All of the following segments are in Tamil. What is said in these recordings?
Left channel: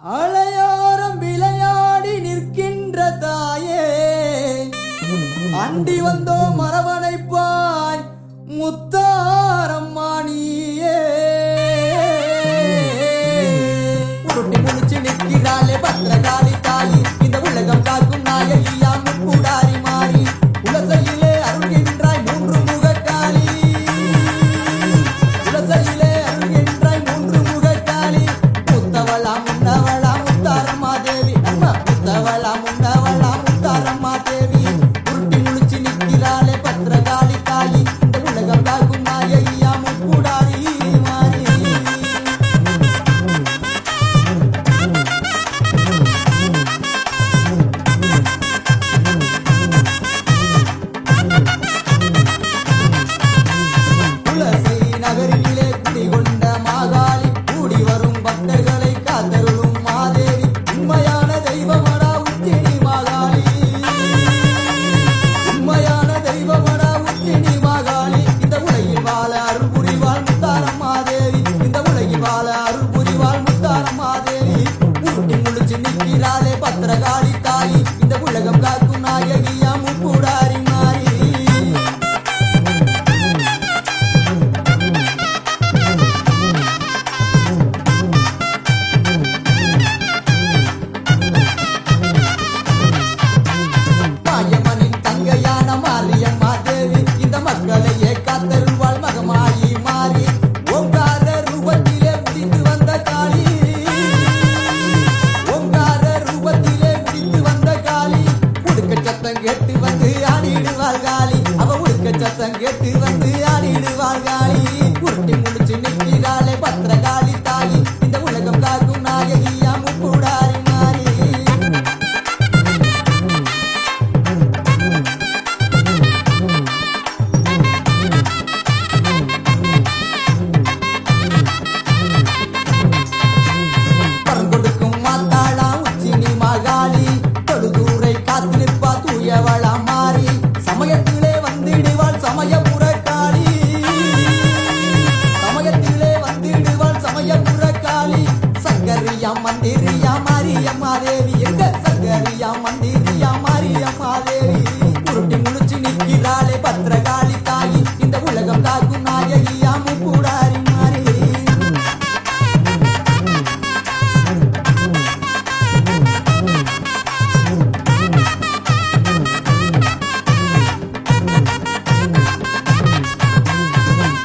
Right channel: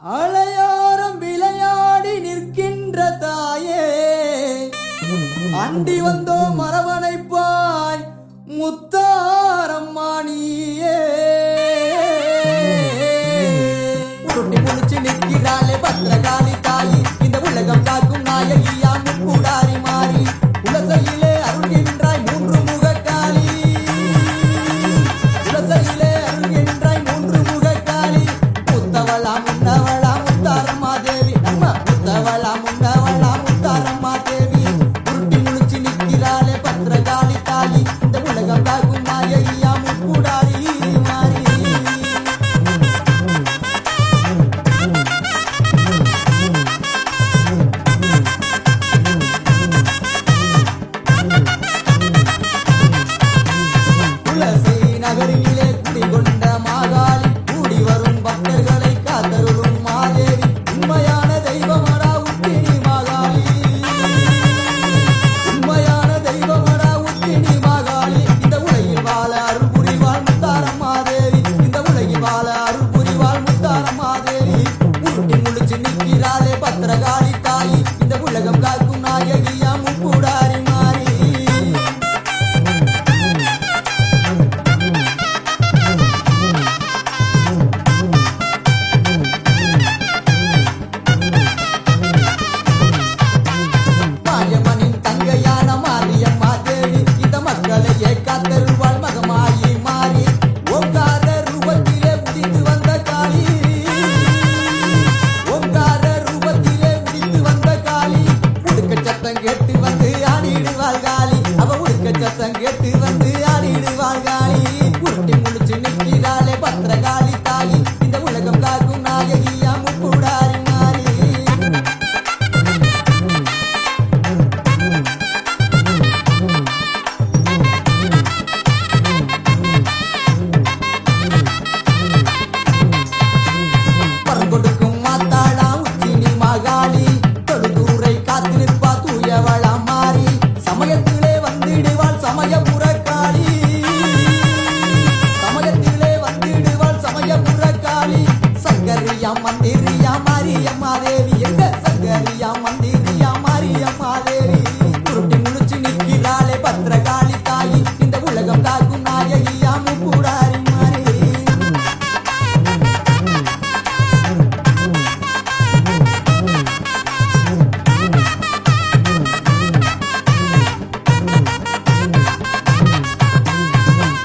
அலையோரம் விளையாடி நிற்கின்ற தாயே, அண்டி வந்தோம் மரவணைப்பாய் முத்தாரம்மானியே. உருட்டி முடிச்சு நிற்கிறாளே பத்திரகாளி தாயி, இந்த உலகம் காக்கும் நாயகியா முக்கூடாரி மாறி. உலசையிலே அருள்கின்றாய் மூன்று முகக்காளி, உலசையிலே அருள்கின்றாய் மூன்று முகக்காளி. முத்தவளா முன்னவளா முத்தாரம்மா தேவி, நம்ம முத்தவளா முன்னவளா முத்தாரம்மா தேவி. உருட்டி முடிச்சு நிற்கிறாளே பத்திரகாளி தாயி, இந்த உலகம் காக்கும் நாயகியா முக்கூடாரி மாறி. துளசி நகரிலே குடிகொண்ட மாகாளி, கூடி வரும் பக்தர்களை காத்தருளும் மாதேவி. உண்மையான தெய்வமடா உத்தினி மாகாளி, உண்மையான தெய்வமடா உத்தினி மாகாளி. இந்த உலகில் வாழ அருள் புரிவாள் முத்தாரம்மா தேவி, இந்த உலகில் வாழ அருள் புரிவாள் முத்தாரம்மா தேவி. உருட்டி முழிச்சு நிற்கிறாளே பத்திரகாளி தாயி, இந்த உலகம் காக்கும் நாயகியா முக்கூடாரி மாறி. மாரியம்மனின் தங்கையான மாரியம்மா தேவி, இந்த மக்களையே காத்தருள்வாள் மகமாயி மாறி. ஓங்கார ரூபத்திலே உதித்து வந்த காளி, ஓங்கார ரூபத்திலே உதித்து வந்த காளி. உடுக்க சத்தம் கேட்டு வந்து ஆடிடுவாள் காளி, அவ உடுக்க சத்தம் கேட்டு வந்து ஆடிடுவாள் காளி. உருட்டி முடிச்சு நிற்கிறாளே பத்திரகாளி தாயி, இந்த உலகம் காக்கும் நாயகியா முக்கூடாரி மாறி. பரங்கொடுக்கும் மாத்தாளா உச்சினி மகாளி, தொழுதூரை காத்து நிற்பா தூயவளா மாறி. சமயத்திலே வந்திடுவாள் சமயபுர காளி, சமயத்திலே வந்திடுவாள் சமயபுர காளி. சங்கரியா மந்திரியா மாரியம்மா தேவி, எங்க சங்கரியா மந்திரியா மாரியம்மா தேவி. உருட்டி முடிச்சு நிற்கிறாளே பத்திரகாளி தாயி, இந்த உலகம் காக்கும் நாயகியா முக்கூடாரி மாறி.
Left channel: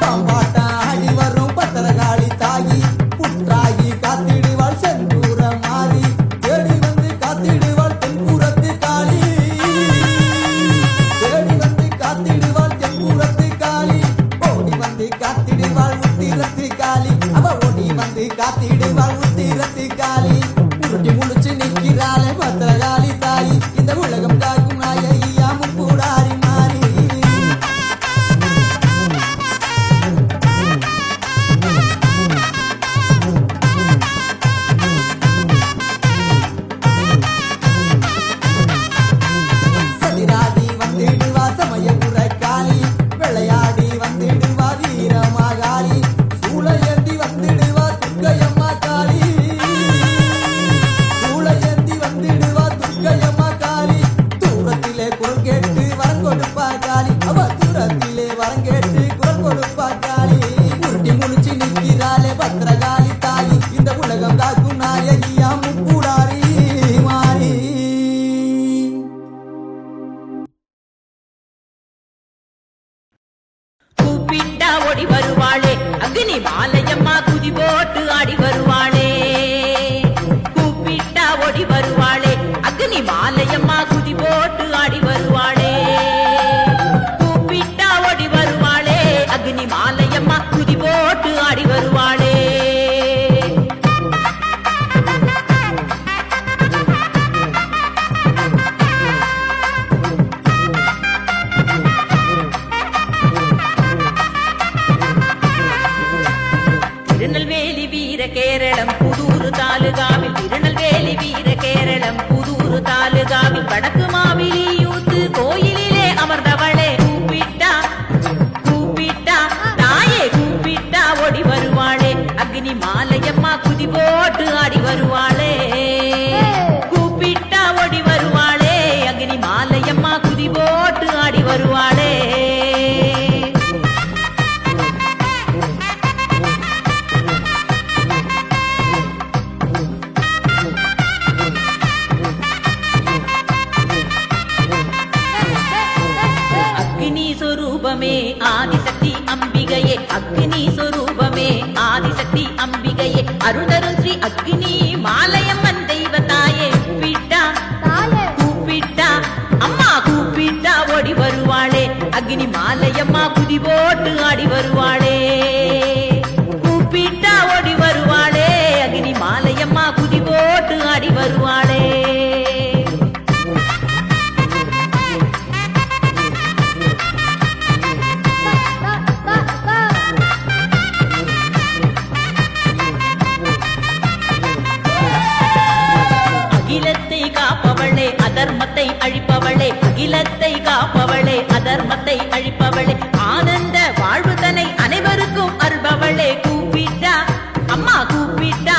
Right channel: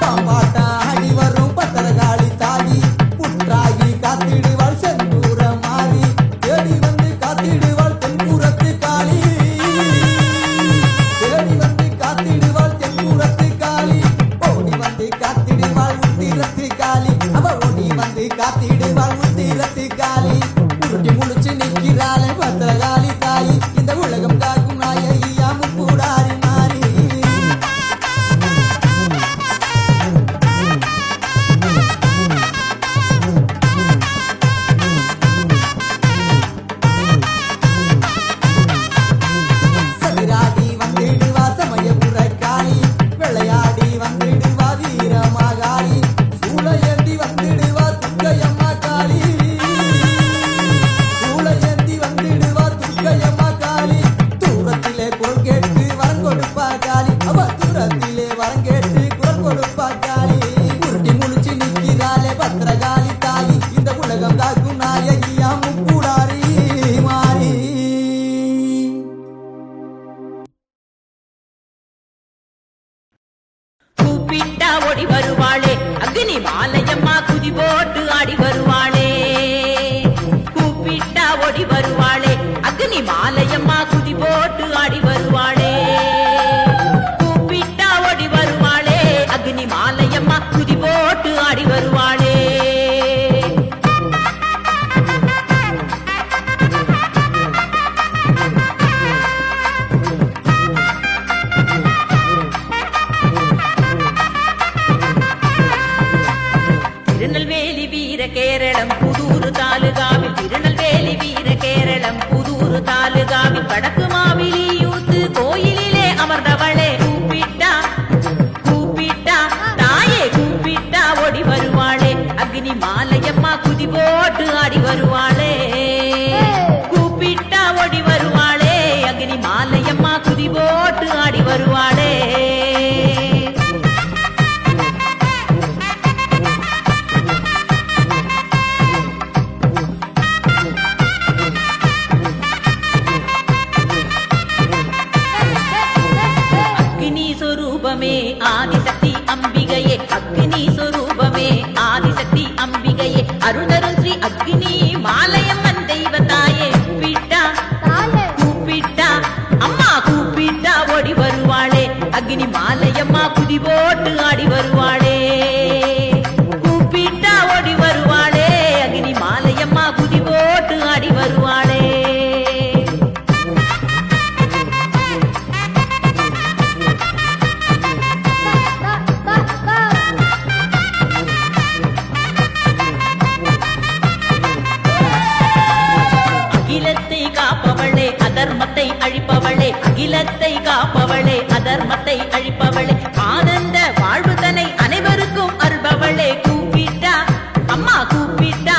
பாம்பாட்டாடி வரும் பத்திரகாளி தாயி, புற்றாகி காத்திடுவாள் செந்தூர மாறி. தேடி வந்து காத்திடுவாள் தென்புறத்து காளி, தேடி வந்து காத்திடுவாள் தென்புறத்து காளி. ஓடி வந்து காத்திடுவாள் உத்திரத்து காளி, அவ ஓடி வந்து காத்திடுவாள் உத்திரத்து காளி. உருட்டி முழிச்சு நிற்கிறாளே பத்திரகாளி தாயி, இந்த உலகம் காக்கும் நாயகியா முக்கூடாரி மாறி. சதிராடி வந்திடுவா சமயபுர காளி, விளையாடி வந்திடுவா வீரமாகாளி. சூளையேந்தி வந்திடுவா துர்க்கையம்மா காளி, சூளையேந்தி வந்திடுவா துர்க்கையம்மா காளி. தூரத்திலே குரல் கேட்டு வரம் கொடுப்பா காளி, அவ தூரத்திலே வரம் கேட்டு குரல் கொடுப்பா காளி. உருட்டி முழிச்சு நிற்கிறாளே பத்திரகாளி தாயி, இந்த உலகம் காக்கும் நாயகியா முக்கூடாரி மாறி. கூப்பிட்டா ஓடி வருவாளே அக்னி மாலையம்மா, குதி போட்டு ஆடி வருவாளே. கூப்பிட்டா ஓடி வருவாளே அக்னி மாலையம்மா, குதி போட்டு ஆடி வருவாளே. கூப்பிட்டா ஓடி வருவாளே அக்னி மாலையம்மா, குதி போட்டு ஆடி வருவாளே. திருநெல்வேலி வீர கேரளம் புதூரு தாலுகாவில், திருநெல்வேலி வீர கேரளம் புதூரு தாலுகாவில். வடக்கு மாவிலி யூத்து கோயிலிலே அமர்ந்தவளே, கூப்பிட்டா கூப்பிட்டா தாயே கூப்பிட்டா கூப்பிட்டா ஓடி வருவாளே அக்னி மாலையம்மா குதி போட்டு ஆடி வருவாளே கூப்பிட்டா ஓடி வருவாளே அக்னி மாலையம்மா குதி போட்டு ஆடி வருவாளே அக்னி சொரூபமே ஆதிசக்தி அம்பிகையே அக்னி சொரூபமே ஆதிசக்தி அம்பிகையே அருள்தரும் ஸ்ரீ அக்னி மாலையம்மன் தெய்வத்தாயே கூப்பிட்டா அம்மா கூப்பிட்டா ஓடி வருவாளே அக்னி மாலையம்மா குதி போட்டு ஆடி வருவாளே கூப்பிட்டா ஓடி வருவாளே அக்னி மாலையம்மா குதி போட்டு ஆடி வருவாளே அகிலத்தை காப்பவளே அதர்மத்தை அழிப்பவளே அகிலத்தை காப்பவளே அதர்மத்தை அழிப்பவளே ஆனந்த வாழ்வுதனை அனைவருக்கும் அருள்பவளே கூப்பிட்டா அம்மா கூப்பிட்டா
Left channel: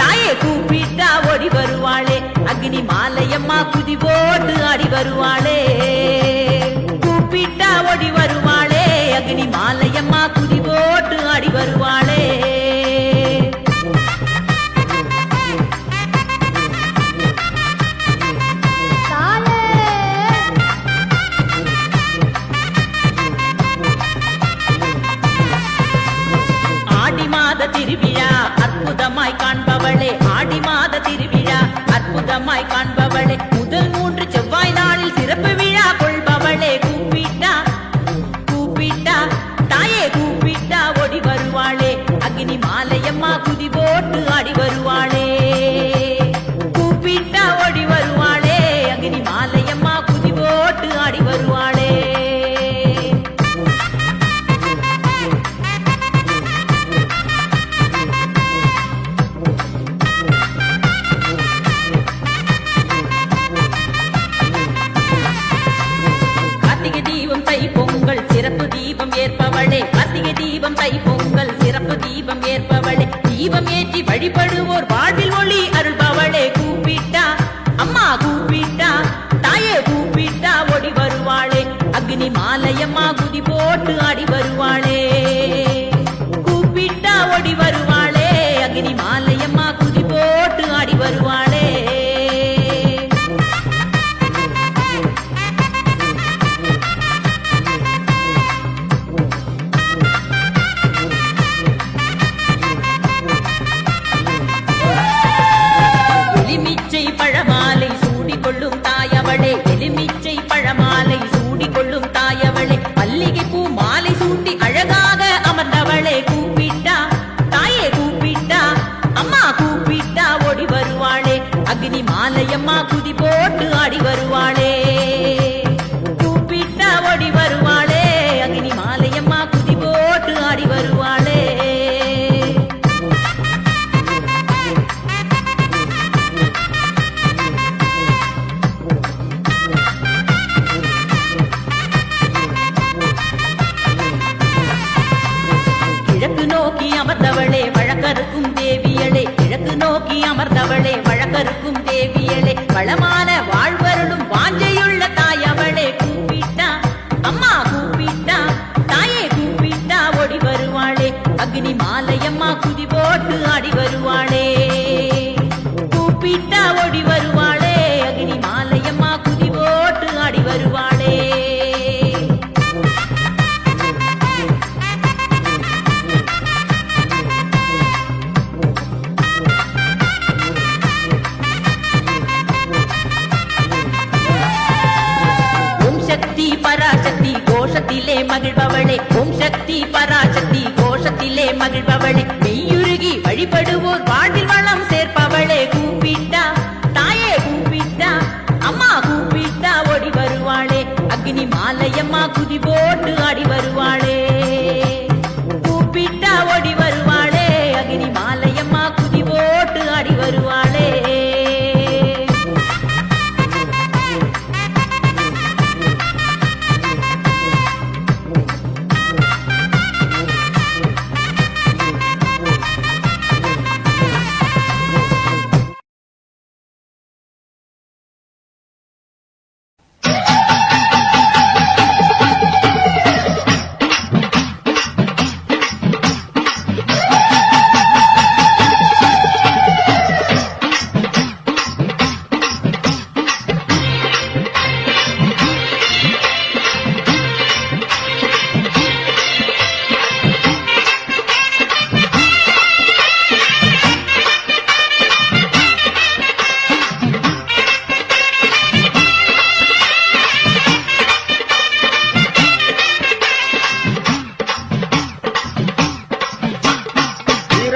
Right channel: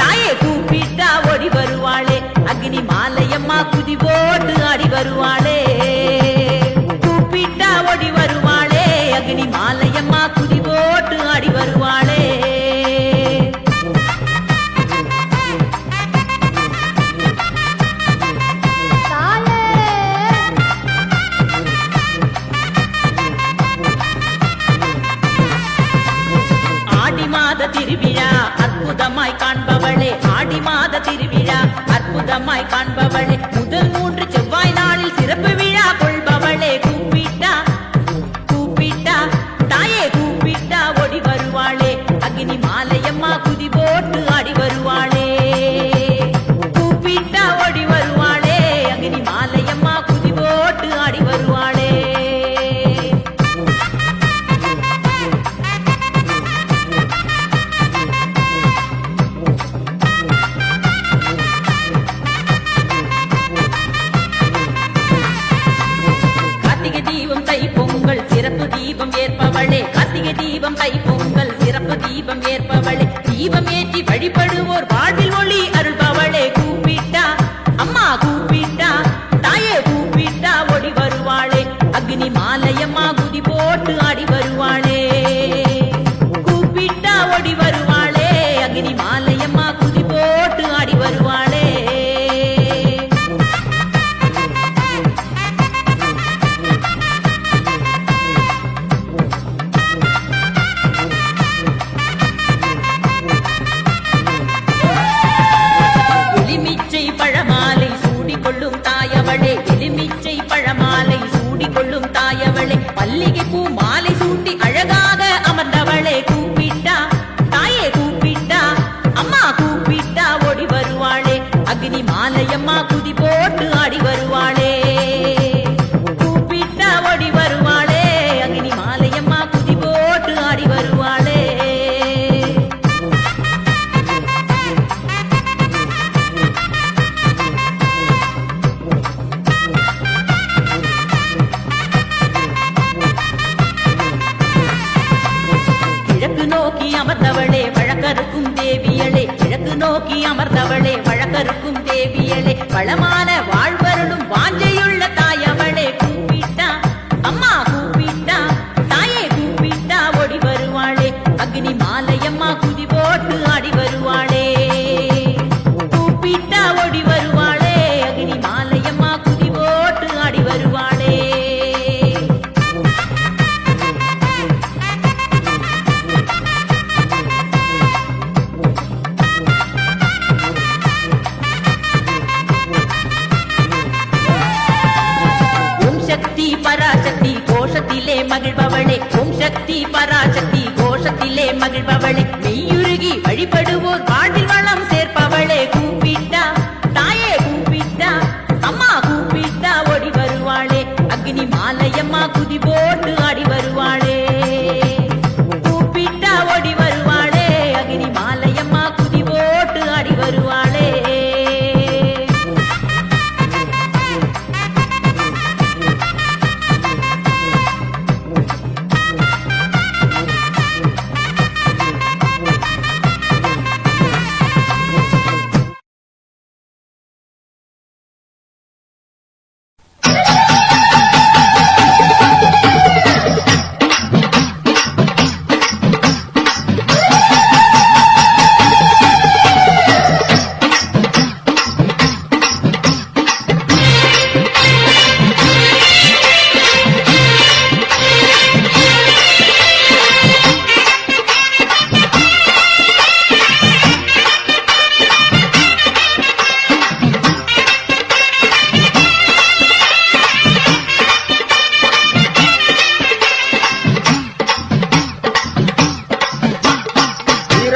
தாயே கூப்பிட்டா ஓடி வருவாளே அக்னி மாலையம்மா குதி போட்டு ஆடி வருவாளே கூப்பிட்டா ஓடி வருவாளே அக்னி மாலையம்மா குதி போட்டு ஆடி வருவாளே திருவிழா அற்புதமாய் காண்பவளே ஆடி மாத திருவிழா அற்புதமாய் காண்பவளே முதல் 3 செவ்வாய் நாளில் சிறப்பு விழா கொள்பவளே கூப்பிட்டா தாயே கூப்பிட்டா ஓடி வருவாளே அக்னி மாலையம்மா குதி போட்டு ஆடி வருவாளே கூப்பிட்டா ஓடி வருவாளே அக்னி மாலையம்மா குதி போட்டு ஆடி வருவாளே பொங்கல் சிறப்பு தீபம் ஏற்பவளே கார்த்திகை தீபம் தை பொங்கல் சிறப்பு தீபம் ஏற்பவளே தீபம் ஏற்றி வழிபடுவோர் வாழ்வில் ஒளி அருள்பவளே கூப்பிட்டா அம்மா கூப்பிட்டா தாயே கூப்பிட்டா ஓடி வருவாளே அக்னி மாலையம்மா குதி போட்டு ஆடி வருவாளே கூப்பிட்டா ஓடி வருவாளே அக்னி மாலையம்மா குதி போட்டு ஆடி வருவாளே பழமாலை சூடிக்கொள்ளும் தாயவளே எலுமிச்சை பழமாலை சூடிக்கொள்ளும் தாயவளே மல்லிகை பூ மாலை சூட்டி அழகாக அமர்ந்தவளே கூப்பிட்டா தாயே கூப்பிட்டா அம்மா கூப்பிட்டா ஓடி வருவாளே அக்னி மாலையம்மா குதி போட்டு ஆடி வருவாளே கூப்பிட்டா ஓடி வருவாளே அக்னி மாலையம்மா குதி போட்டு ஆடி வருவாளே கிழக்கு நோக்கி அமர்ந்தவளே வழக்கருக்கும் தேவியளே கிழக்கு நோக்கி அமர்ந்தவளே வழக்கருக்கும் தேவியளே வளமான வாழ்வருளும் வாஞ்சையுள்ள தாயவளே கூப்பிட்டா அம்மா கூப்பிட்டா தாயே கூப்பிட்டா ஓடி வருவாளே அக்னி மாலையம்மா குதி போட்டு ஆடி வருவாளே கூப்பிட்டா ஓடி வருவாளே அக்னி மாலையம்மா குதி போட்டு ஆடி வருவாளே சக்தி பராசக்தி கோஷத்திலே மகிழ்பவளே ஓம் சக்தி பராசக்தி கோஷத்திலே மகிழ்பவளே மெய்யுருகி வழிபடுவோர் வாழ்வில் வளம் சேர்ப்பவளே கூப்பிட்டா தாயே கூப்பிட்டா அம்மா கூப்பிட்டா ஓடி வருவாளே அக்னி மாலையம்மா குதி போட்டு ஆடி வருவாளே கூப்பிட்டா ஓடி வருவாளே அக்னி மாலையம்மா குதி போட்டு ஆடி வருவாளே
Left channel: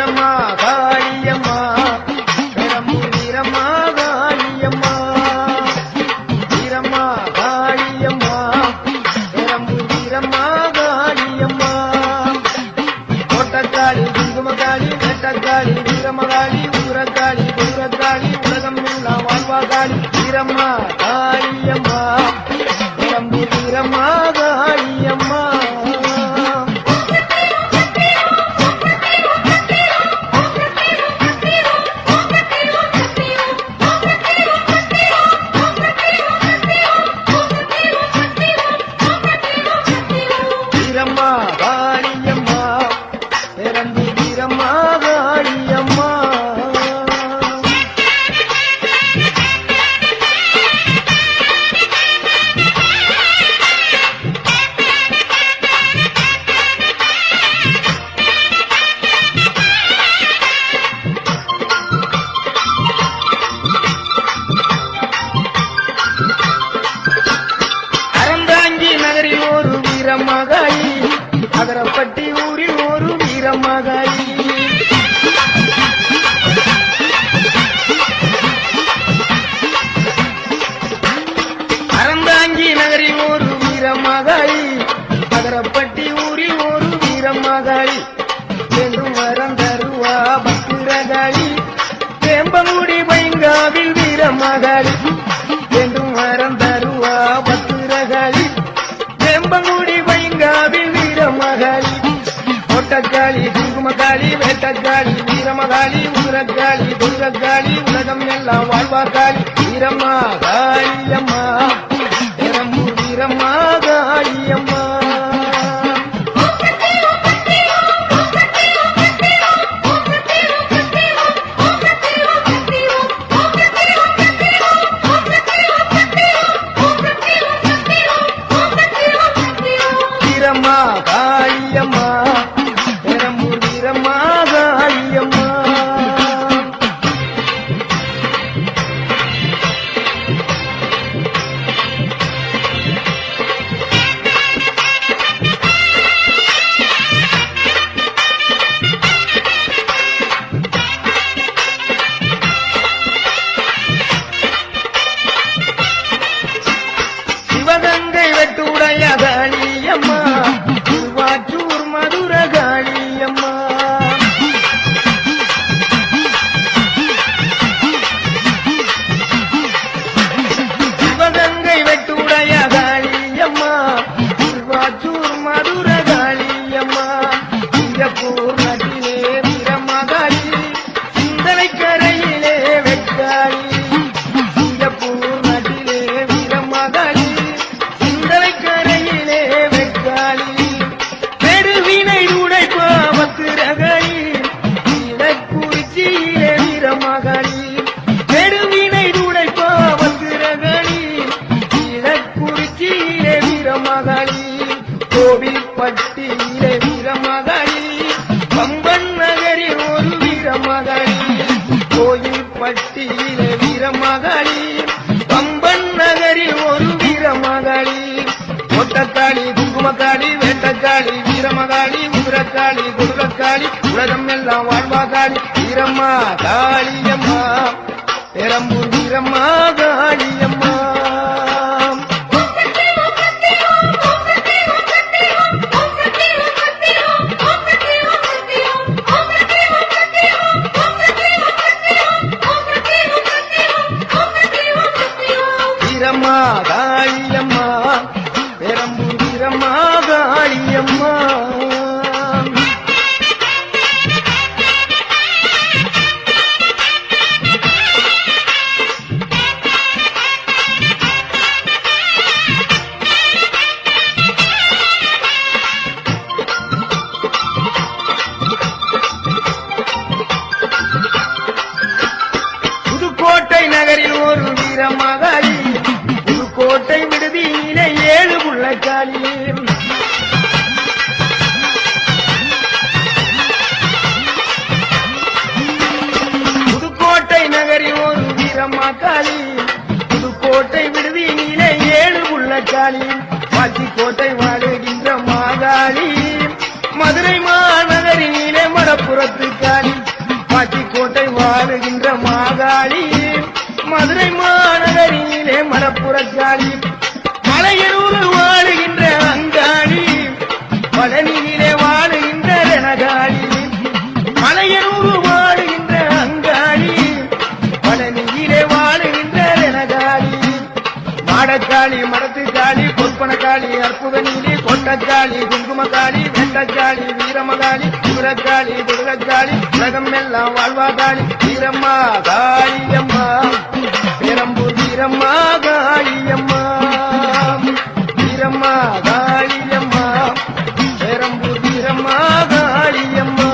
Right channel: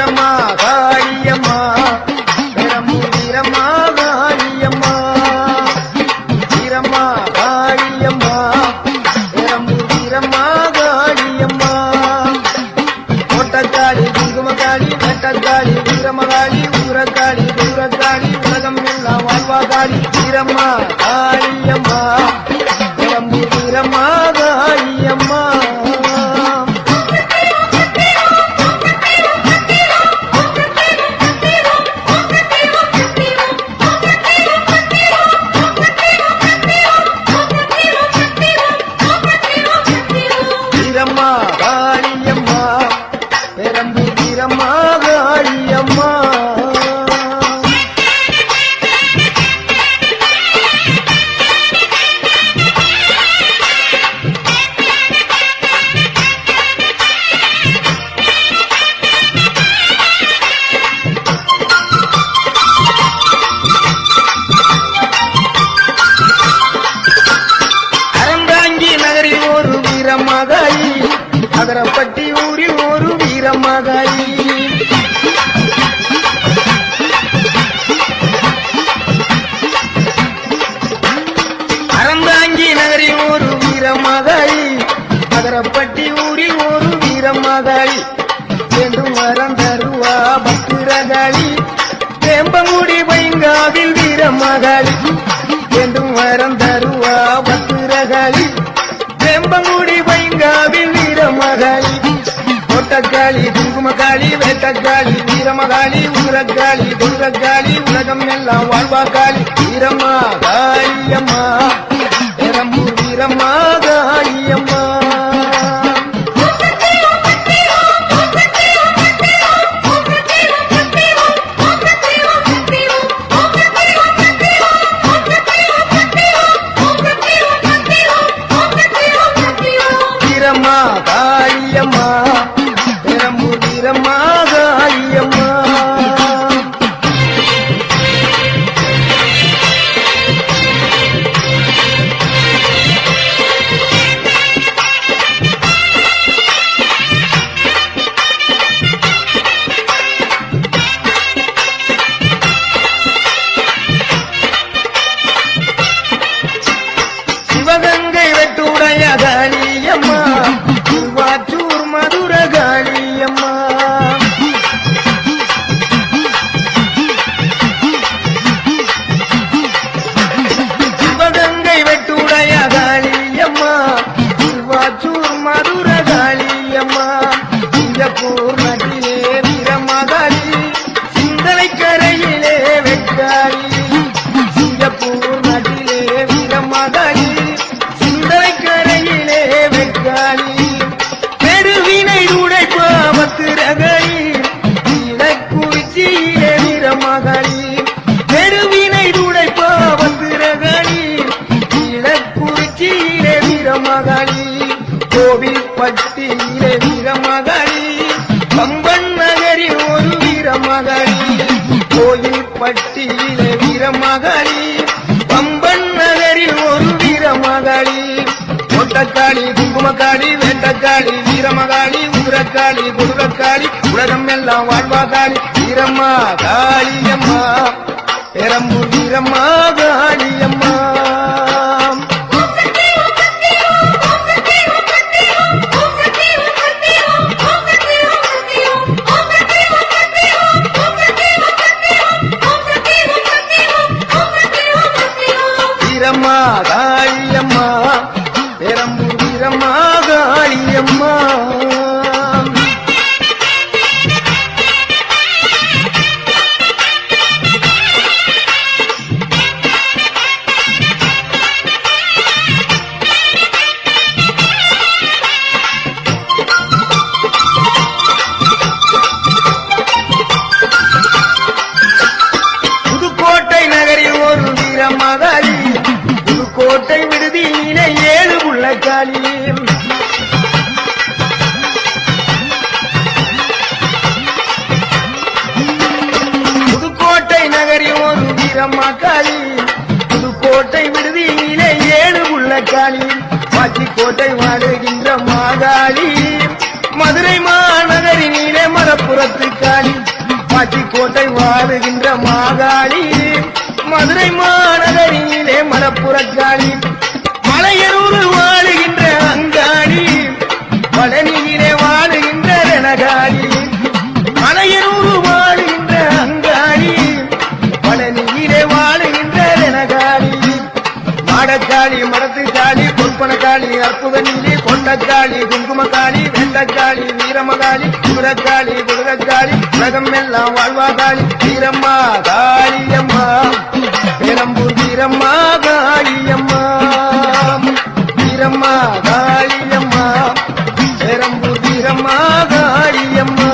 வீரம்மா காளியம்மா பெரம்பூர் வீரம்மா காளியம்மா வீரம்மா காளியம்மா பெரம்பூர் வீரம்மா காளியம்மா கோட்டக்காளி குங்குமக்காளி வெட்டக்காளி வீரமகாளி ஊரக்காளி தூரக்காளி உலகம் எல்லாம் வாழ்வாகாளி வீரம்மா காளியம்மா பெரம்பூர் வீரம்மா காளியம்மா வீரம்மா காளியம்மா பெரம்பூர் வீரம்மா காளியம்மா அறந்தாங்கி நகரில் ஒரு வீரமகாளி அதரப்பட்டி ஊரில் ஒரு வீரமகாளி அறந்தாங்கி நகரில் ஒரு வீரமகாளி அதரப்பட்டி ஊரில் ஒரு வீரமகாளி என்றும் வரம் தருவா பத்திரகாளி வேம்பங்குடி பைங்காவில் வீரமகாளி என்றும் வரம் தருவா பத்திரகாளி வேம்பங்குடி பைங்காவில் வீரமகாளி கோட்டக்காளி குங்குமக்காளி வேட்டக்காளி வீரமகாளி ஊரக்காளி துர்கக்காளி உலகம் எல்லாம் வாழ்வாக்காளி வீரம்மா காளியம்மா பெரம்பூர் வீரம்மா காளியம்மா வீரம்மா காளியம்மா பெரம்பூர் வீரம்மா காளியம்மா சிவகங்கை வெட்டுடைய காளியம்மா திருவாச்சூர் மதுர காளியம்மா சிவகங்கை வெட்டுடைய காளியம்மா திருவாச்சூர் மதுர காளியம்மா சிங்கப்பூர் நதியிலே வீரமகாளி சிந்தனை கரையிலே வெட்டாளி சிங்கப்பூர் நதியிலே வீரமகாளி சிந்தனை கரையிலே வெட்டாளி பெருவினை உடைப்பா பத்திரகாளி இலக்குறிச்சியிலே வீரமகாளி பெருவினை உடைப்பா பத்திரகாளி இலக்குறிச்சியிலே வீரமகாளி கோவில்பட்டியிலே வீரமகாளி கம்பன் நகரில் ஒரு வீரமகாளி கோயில்பட்டியிலே வீரமகாளி கம்பன் நகரில் ஒரு வீரமகாளி கோட்டக்காளி குங்குமக்காளி வேட்டக்காளி வீரமகாளி ஊரக்காளி துர்கக்காளி உலகம் எல்லாம் வாழ்வாகாளி வீரம்மா காளியம்மா பெரம்பூர் வீரம்மா காளியம்மா வீரம்மா காளியம்மா பெரம்பூர் வீரம்மா காளியம்மா புதுக்கோட்டை நகரில் ஒரு வீரமகாளி புதுக்கோட்டை விடுதியிலே 7 புள்ளக்காளி புதுக்கோட்டை நகரில் ஒரு வீரமகாளி புதுக்கோட்டை விடுதியிலே 7 புள்ளக்காளி வாச்சிக்கோட்டை வாடுகின்ற மாகாளி மதுரை மாநகரினிலே மரப்பு மடப்புறத்து காளி பாச்சிக்கோட்டை வாழுகின்ற மாகாளி மதுரை மாநகரிலே மடப்புறக்காளி மலையனூர் வாழுகின்ற அங்காளி பழனியிலே வாழுகின்ற ரணகாளி மலையனூர் வாழுகின்ற அங்காளி பழனியிலே வாழுகின்ற ரணகாளி மாடக்காளி மடத்துக்காளி பொற்பனக்காளி அற்புத நீலி கொண்டக்காளி குங்குமக்காளி வெண்டக்காளி வீரமகாளி குதிரக்காளி குதிரக்காளி உலகம் எல்லாம் வாழ்வாகாளி வீரம்மா காளியம்மா பெரம்பூர் வீரம்மா காளியம்மா வீரம்மா காளியம்மா பெரம்பூர் வீரம்மா காளியம்மா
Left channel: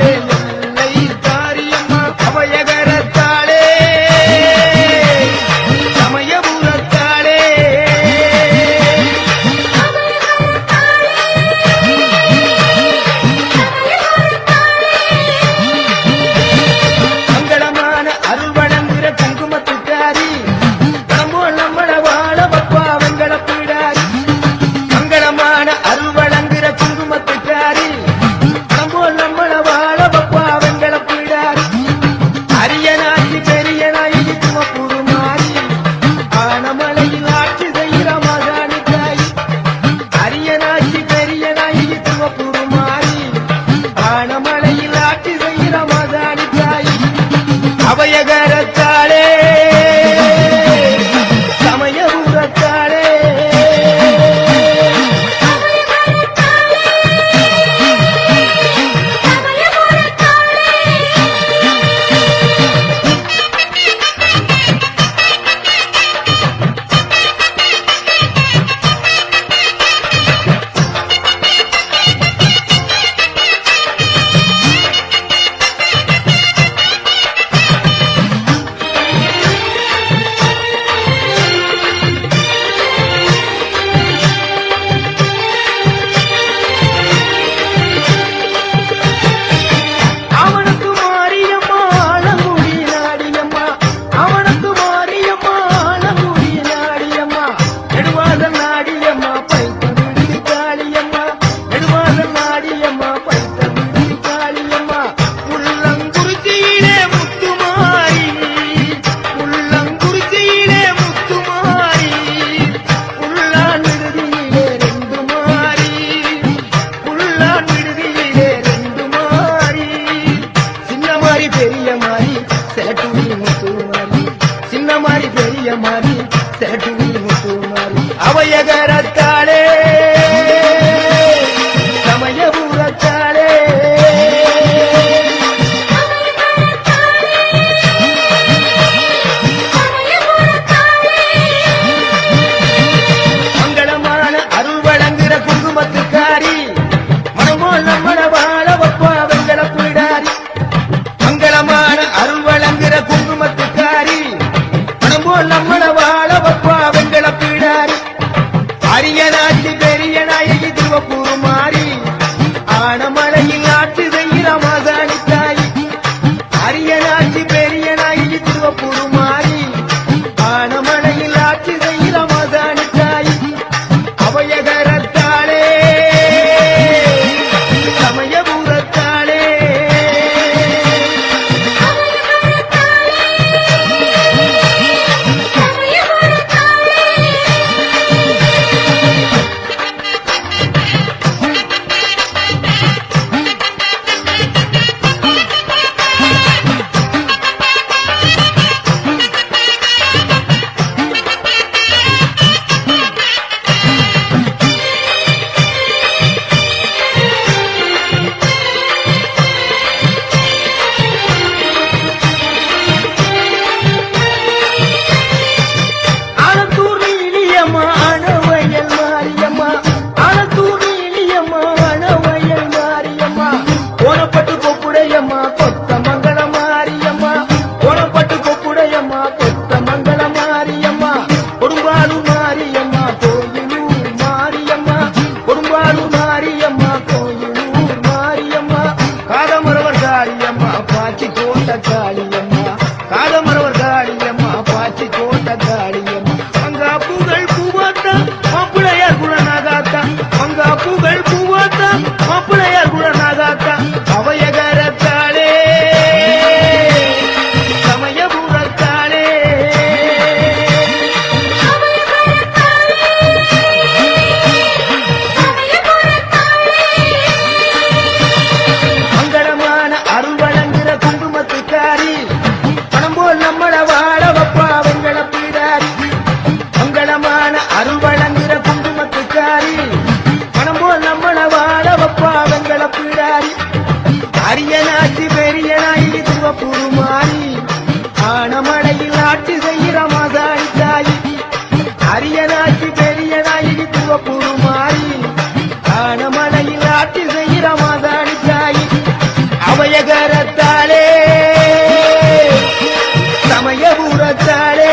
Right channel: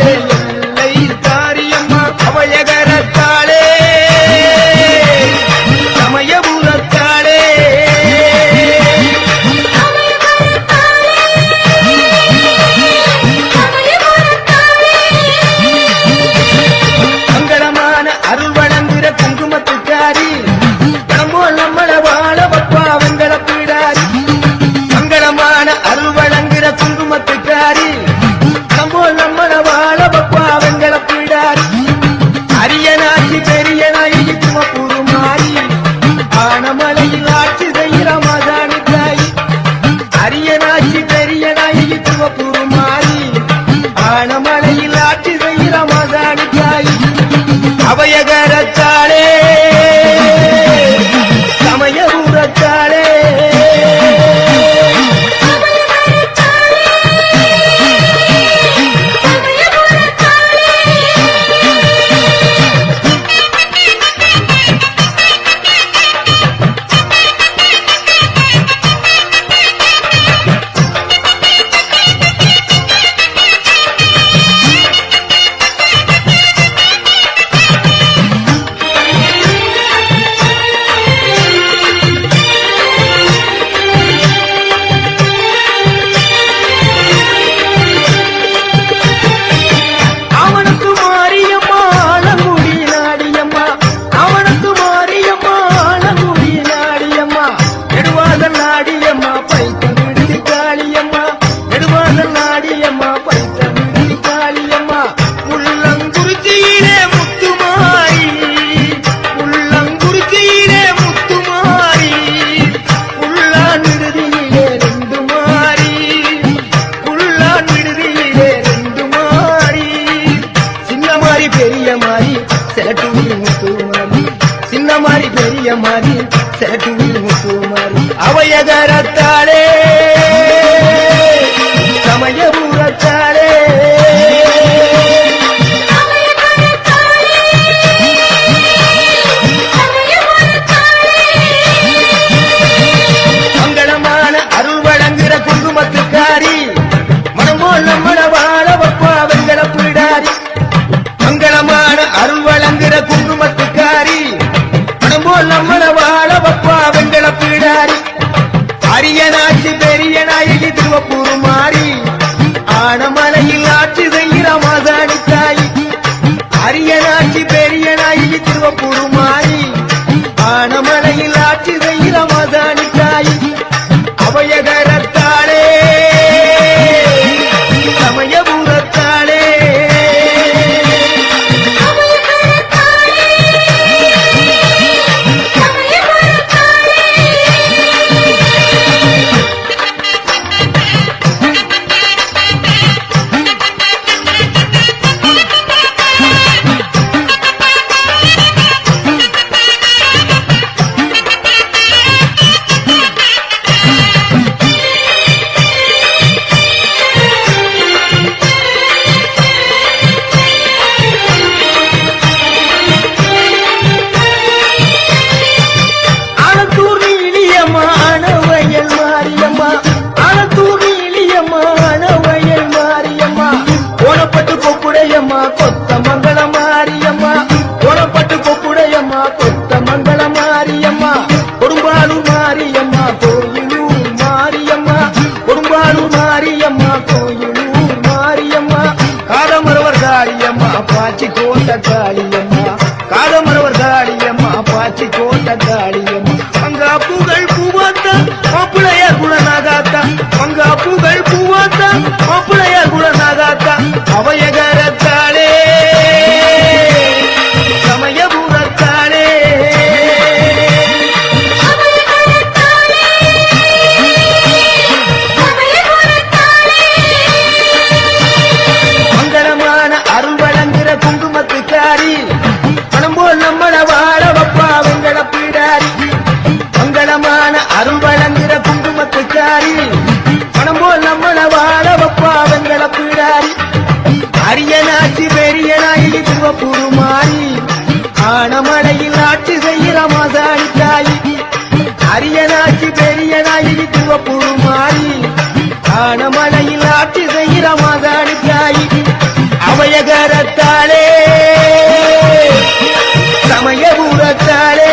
காளியம்மாளே எல்லை தாரியம்மா அவையகரத்தாளே சமயபுரத்தாளே மங்களமான அருள் வழங்குகிற குங்குமத்துக்காரி நம்மோல் நம்மள வாழ வப்பா வெங்கட பீடாரி மங்களமான அருள் வழங்குகிற குங்குமத்துக்காரி நம்மோல் நம்மள வாழ வப்பா வெங்கட பீடாரி அரியனாட்சி பெரிய நாயகி துமப்புரு மாறி ஆனமலையில் ஆட்சி செய்கிற மகாணி தாய் அரியனாட்சி பெரிய நாயகி துமப்புரு மாறி ஆனமலையில் ஆட்சி செய்கிற மகாணி தாய் அவையகரத்தாளே சமயபுரத்தாளே அவனுக்கு மாரியம்மா ஆலங்குடி நாடியம்மா அவனுக்கு மாரியம்மா ஆலங்குடி நாடியம்மா நெடுவாதல் நாடியம்மா பைத்த விடுதி காளியம்மா நெடுவாதல் நாடியம்மா பைத்த விடுதி காளியம்மா முள்ளங்குறிச்சியிலே முத்துமாரி முள்ளங்குறிச்சியிலே முத்துமாரி உள்ளான் விடுதியிலே ரெண்டு மாறி உள்ளான் விடுதியிலே ரெண்டு மாறி சின்ன மாறி பெரிய மாறி சேட்டூரி முத்து மாறி சின்ன மாறி பெரிய மாறி சேட்டூரி முத்து மாறி அவையகரத்தாளே சமயபுரத்தாளே மங்களமான அருள் வழங்குகிற குங்குமத்துக்காரி மனமோல் நம்மள வாழ வப்பா வெங்கட பீடாரி மங்களமான அருள் வழங்குகிற குங்குமத்துக்காரி மனமோல் நம்மள வாழ வப்பா வெங்கட பீடாரி அரியனாட்சி பெரிய நாயகி திருவப்பூர் மாறி ஆனமலையில் ஆட்சி செய்கிற மாசாணி தாய் அரியனாட்சி பெரிய நாயகி திருவப்பூர் மாறி ஆனமலையில் ஆட்சி செய்கிற மாசாணி தாய் அவையகரத்தாளே சமயபுரத்தாளே ஆனத்தூர் நீலியம்மா ஆனவயல் மாரியம்மா ஆனத்தூர் நீலியம்மா ஆனவயல் மாரியம்மா ஓனப்பட்டு கொப்புடையம்மா கொத்த மங்கள மாரியம்மா ஓனப்பட்டு கொப்புடையம்மா கொத்த மங்கள மாரியம்மா கொடும்பாலூர் மாரியம்மா கோயிலூர் மாரியம்மா கொடும்பாலூர் மாரியம்மா கோயிலூர் மாரியம்மா காதமரவர் காளியம்மா பாச்சி கோட்ட காளியம்மா காதமரவர் காளியம்மா பாச்சி கோட்ட காளியம்மா மங்கா பூகள் பூவாத்தா மாப்பிளைய குணநாகாத்தா மங்கா பூகள் பூவாத்தா மாப்பிளைய குணநாகாத்தா அவையகரத்தாளே சமயபுரத்தாளே மங்களமான அருள் வழங்குகிற குங்குமத்துக்காரி பணம் போல் நம்மள வாழ வப்பா வெங்கட பீடாரி மங்களமான அருள் வழங்குகிற குங்குமத்துக்காரி பணம் போல் நம்மள வாழ வப்பா வெங்கட பீடாரி அரியனாட்சி பெரிய நாயகி திருவப்பூர் மாறி ஆனமலையில் ஆட்சி செய்கிற மாசாணி தாய் அரியனாட்சி பெரிய நாயகி திருவப்பூர் மாறி ஆனமலையில் ஆட்சி செய்கிற மாசாணி தாய் அபயகரத்தாலே சமயபுரத்தாலே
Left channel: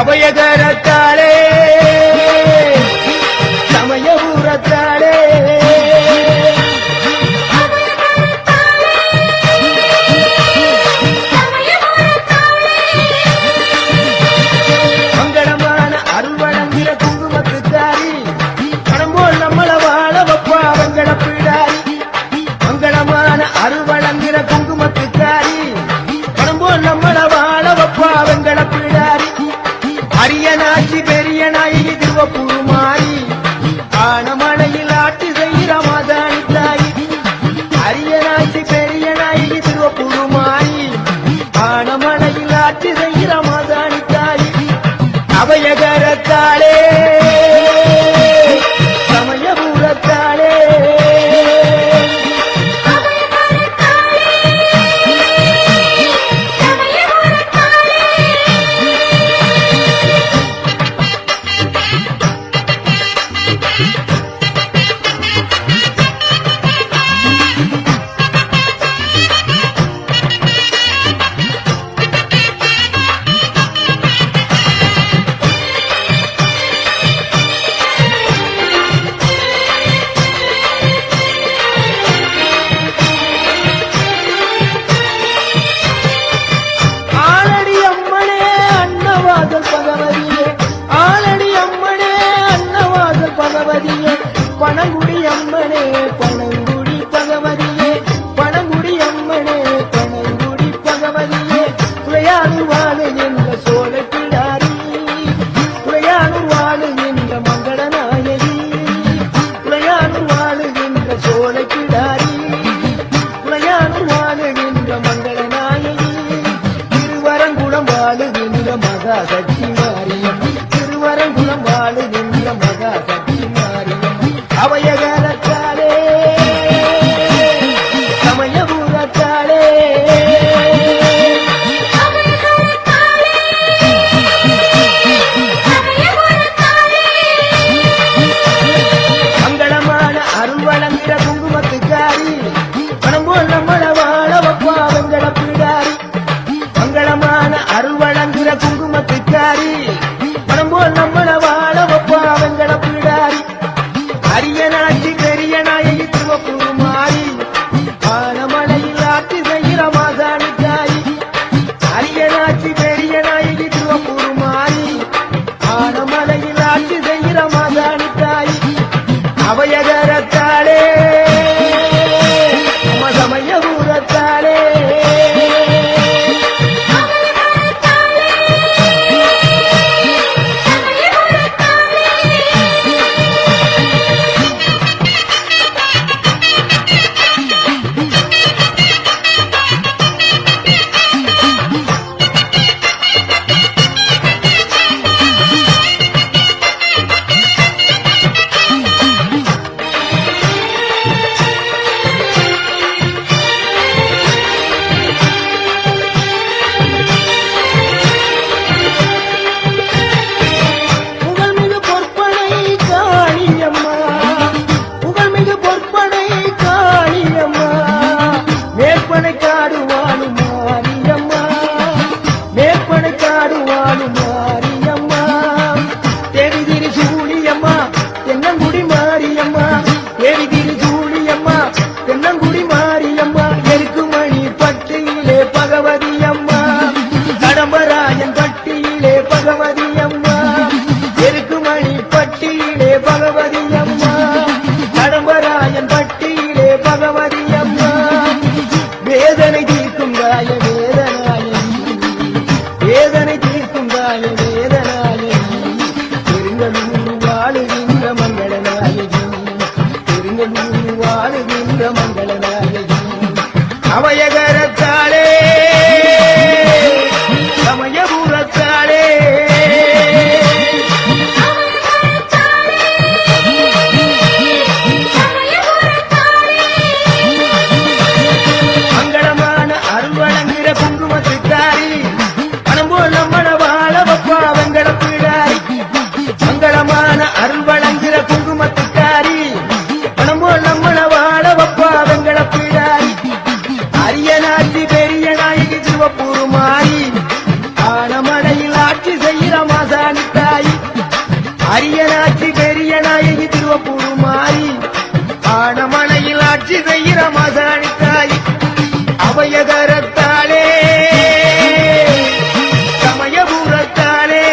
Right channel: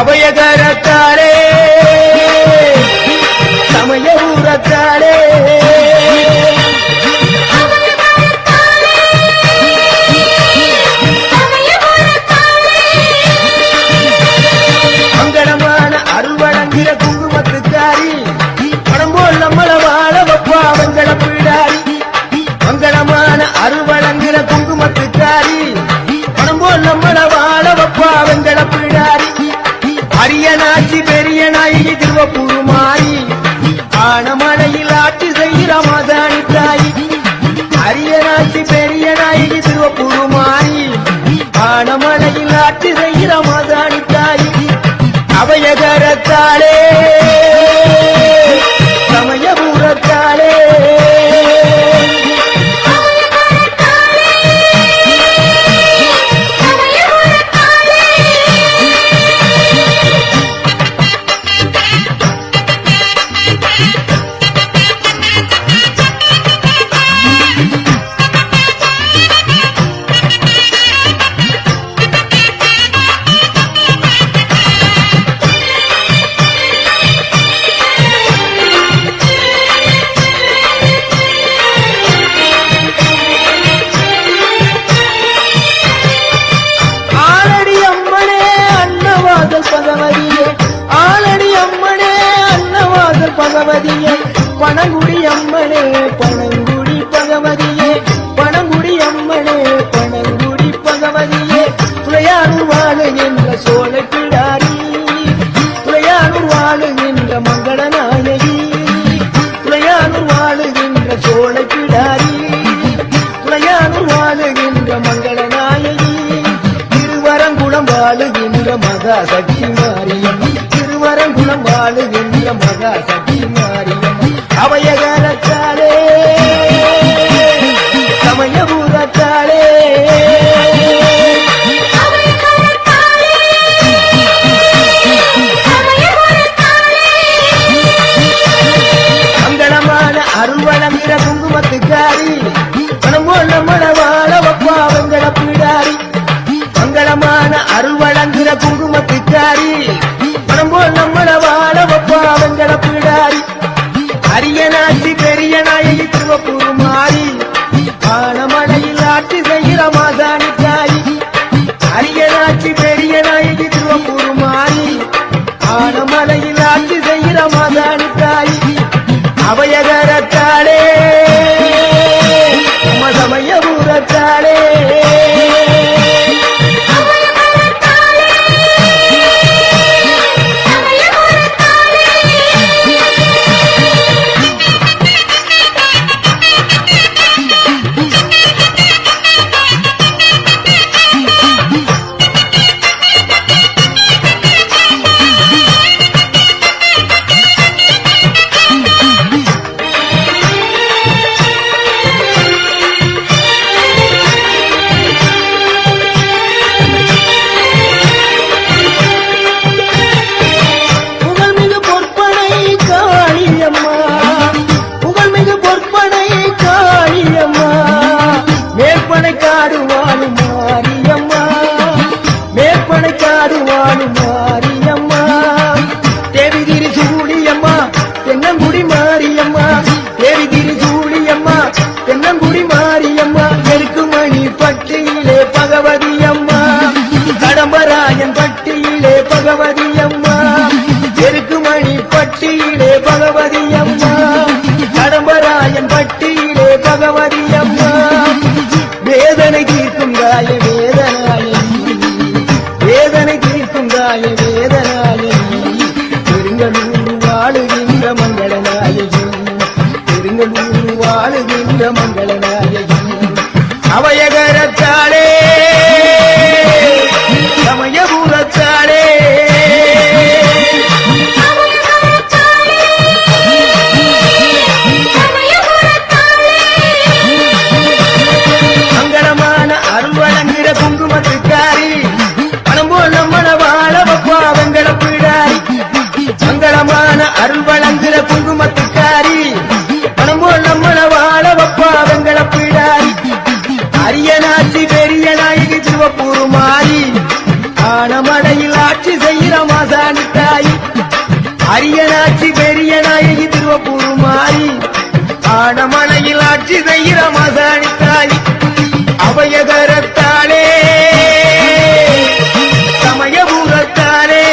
அபயகரத்தாலே சமயபுரத்தாலே மங்களமான அருள் வழங்குகிற குங்குமத்துக்காரி பணம் போல் நம்மள வாழ வப்பா வெங்கட பிடாரி மங்களமான அருள் வழங்குகிற குங்குமத்துக்காரி பணம் போல் நம்மள வாழ வப்பா வெங்கட பிடாரி அரியனாட்சி பெரிய நாயகி திருவப்பூருமாயி ஆனமலையில் ஆட்சி செய்கிற மாதாணி தாயி அரியனாட்சி பெரிய நாயகி திருவப்பூருமாயி ஆனமலையில் ஆட்சி செய்கிற மாதாணி தாயி அபயகரத்தாலே சமயபுரத்தாலே பகவதியே பணங்குடி அம்மனே பணங்குடி பகவதியே பணங்குடி அம்மனே பணங்குடி பகவதியே துளையானூர் வாழுகின்ற சோழ பிடாரி துளையானூர் வாழுகின்ற மங்கள நாயகி துளையானூர் வாழுகின்ற சோழ பிடாரி துளையானூர் வாழுகின்ற மங்கள நாயகி திருவரங்குளம் வாழுகின்ற மகா சக்தி மாரியம் திருவரங்குளம் வாழுகின்ற மகா சக்தி மாரியம் அபயகரத்தாலே சமயபுரத்தாலே மங்களமான அருள் வழங்குகிற குங்குமத்துக்காரி பணம் போல் நம்மள வாழ வப்பா வெங்கட பிடாரி மங்களமான அருள் வழங்குகிற குங்குமத்துக்காரி பணம் போல் நம்மள வாழ வப்பா வெங்கட பிடாரி அரியனாட்சி பெருங்கலூர் வாழுகின்ற மங்கள நாயகி பெருங்கலூர் வாழுகின்ற மங்கள நாயகி அவயகரத்தாளே சமயபுரத்தாளே மங்களமான அருள் வழங்குகிற குங்குமத்துக்காரி பணம் போல் நம்மள வாழ வப்பா வெங்கட பிடாரி மங்களமான அருள் வழங்குகிற குங்குமத்துக்காரி பணம் போல் நம்மள வாழ வப்பா வெங்கட பிடாரி அரியனாட்சி பெரிய நாயகி திருவப்பூர் மாறி ஆனமடையில் ஆட்சி செய்கிற மாசாணி தாய் அரியனாட்சி பெரிய நாயகி திருவப்பூர் மாறி ஆனமடையில் ஆட்சி செய்கிற மாசாணி தாய் அவயகரத்தாளே சமயபுரத்தாளே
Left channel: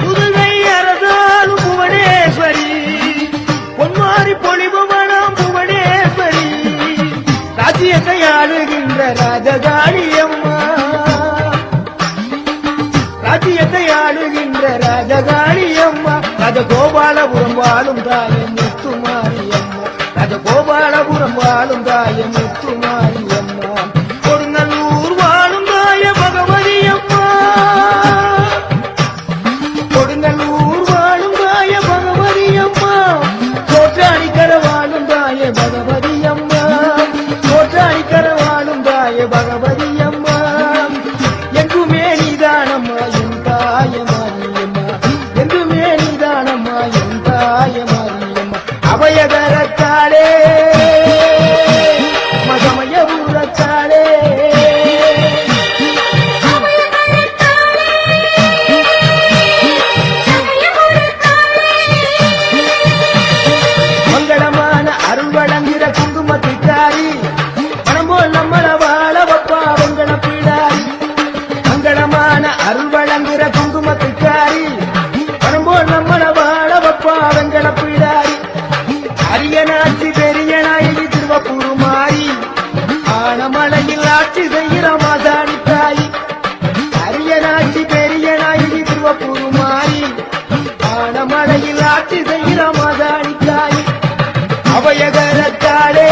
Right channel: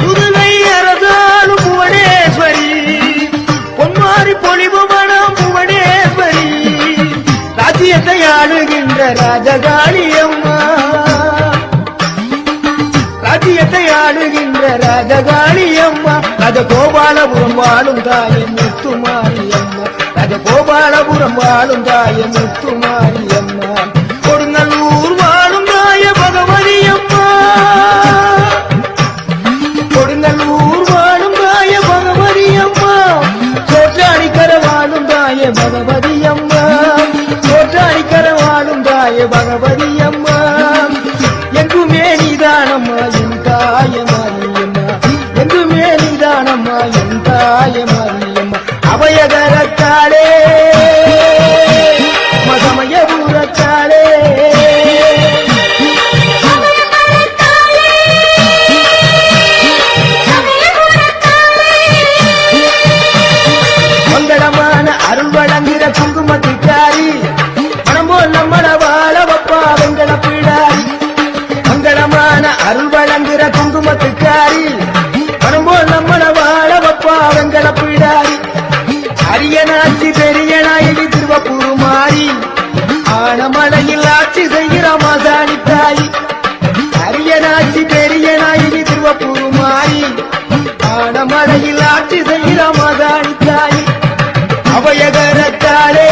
புதுவை அரசாளும் புவனேஸ்வரி பொன்மாரி பொலிவு மனம் புவனேஸ்வரி ராஜ்யத்தை ஆளுகின்ற ராஜகாளி அம்மா ராஜ்யத்தை ஆளுகின்ற ராஜகாளி அம்மா ராஜகோபாலபுரம் வாழும் தாயின் முத்துமாரி அம்மா ராஜகோபாலபுரம் வாழும் தாயின் முத்துமாரி அம்மா கொடுங்கல்லூர் வாழும் தாய பகவதி அம்மா கொடுங்கல்லூர் வாழும் தாய பகவதி அம்மா சோற்றாணிக்கர வாழும் தாய பகவதி அம்மா சோற்றாணிக்கர வாழும் தாய பகவதி அம்மா எங்குமே நீதானம்மா என் தாய மாரியம்மா எங்குமே நீதானம்மா என் தாய மாரியம்மா அபயகரத்தாளே சமயபுரத்தாளே மங்களமான அருள் வழங்குகிற குங்குமத்துக்காரி பணம் போல் நம்மள வாழ வப்பா வெங்கட பிடாரி மங்களமான அருள் வழங்குகிற குங்குமத்துக்காரி பணம் போல் நம்மள வாழ வப்பா வெங்கட பிடாரி அரியனாட்சி பெரிய நாயகி திருவப்பூர் மாறி ஆனமலையில் ஆட்சி செய்கிற மாசாணி தாய் அரியனாட்சி பெரிய நாயகி திருவப்பூர் மாறி ஆனமலையில் ஆட்சி செய்கிற மாசாணி தாய் அபயகரத்தாளே